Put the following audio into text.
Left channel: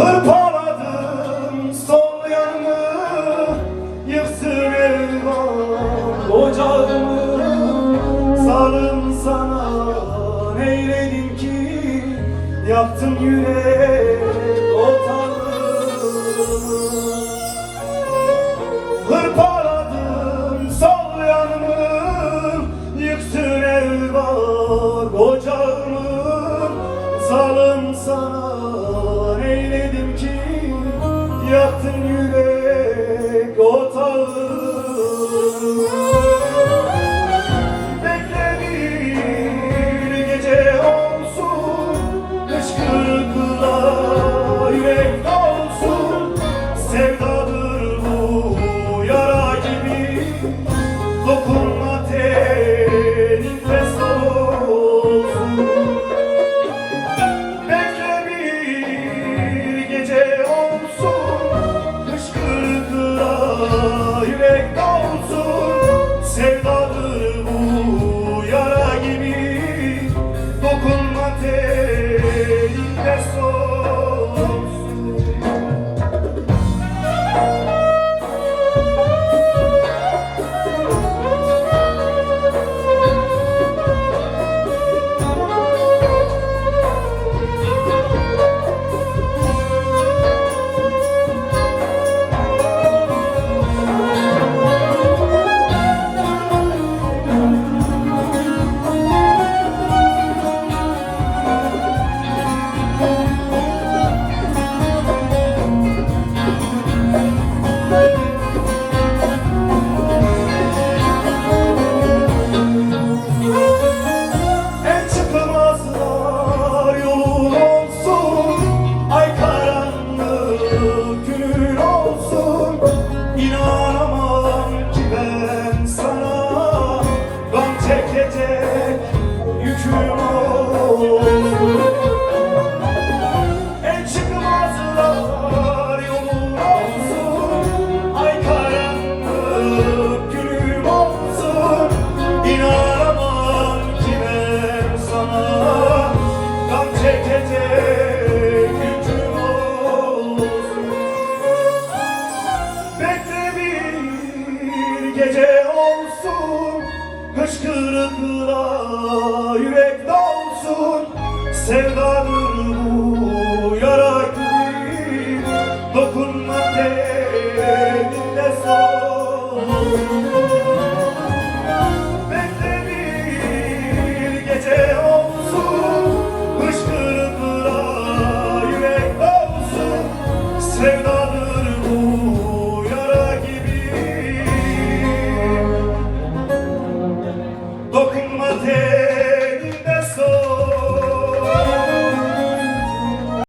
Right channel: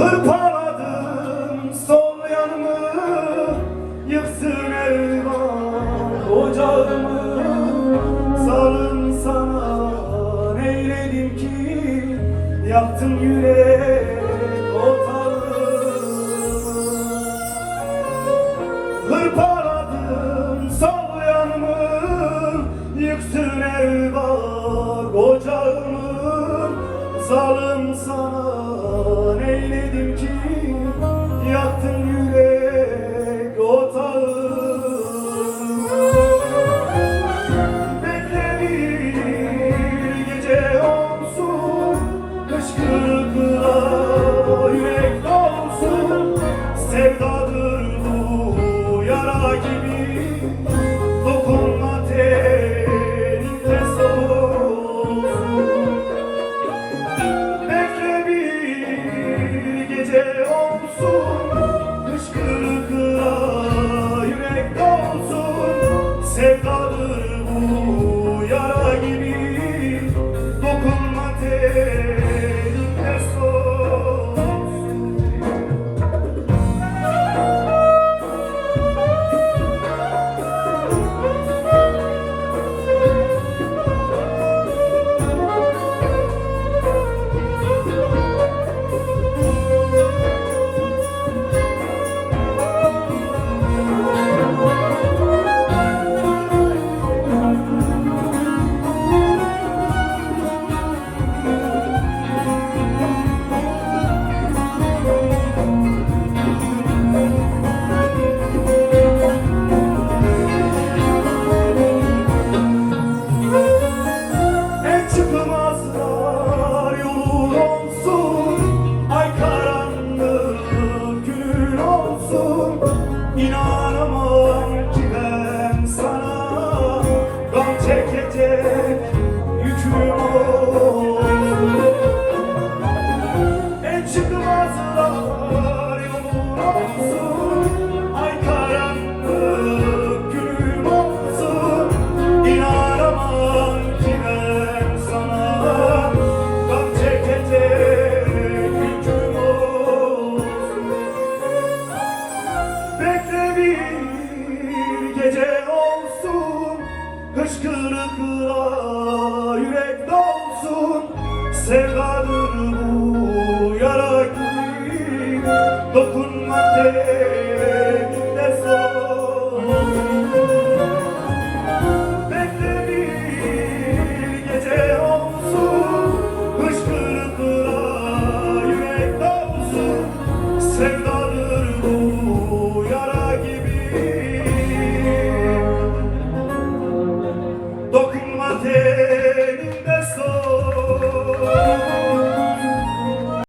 Hırpaladım sol yanımı, yıksın eyvah ocağımı. Salım sana neyledim ki, yaktın yürek otağımı. Hırpaladım sol yanımı, yıksın eyvah ocağımı. Salım sana neyledim ki, yaktın yürek otağımı. Bekle bir gece olsun, hıçkırıkla yürek dolsun. Sevdadır bu yara gibi, dokunma tenin test olsun. Bekle bir gece olsun, hıçkırıkla yürek dolsun. Sevdadır bu yara gibi, dokunma tenin test olsun. Çıkmazlar yolun olsun, ay karanlık günün olsun. İnanamam ki ben sana, gam çekecek yüküm olsun. Çıkmazlar yolun olsun, ay karanlık günüm olsun. İnanamam ki ben sana, gam çekecek yüküm olsun. Bekle bir gece olsun, hıçkırıkla yürek dolsun. Sevdadır bu yara gibi, dokunma tenine solsun. Bekle bir gece olsun, hıçkırıkla yürek dolsun. Sevdadır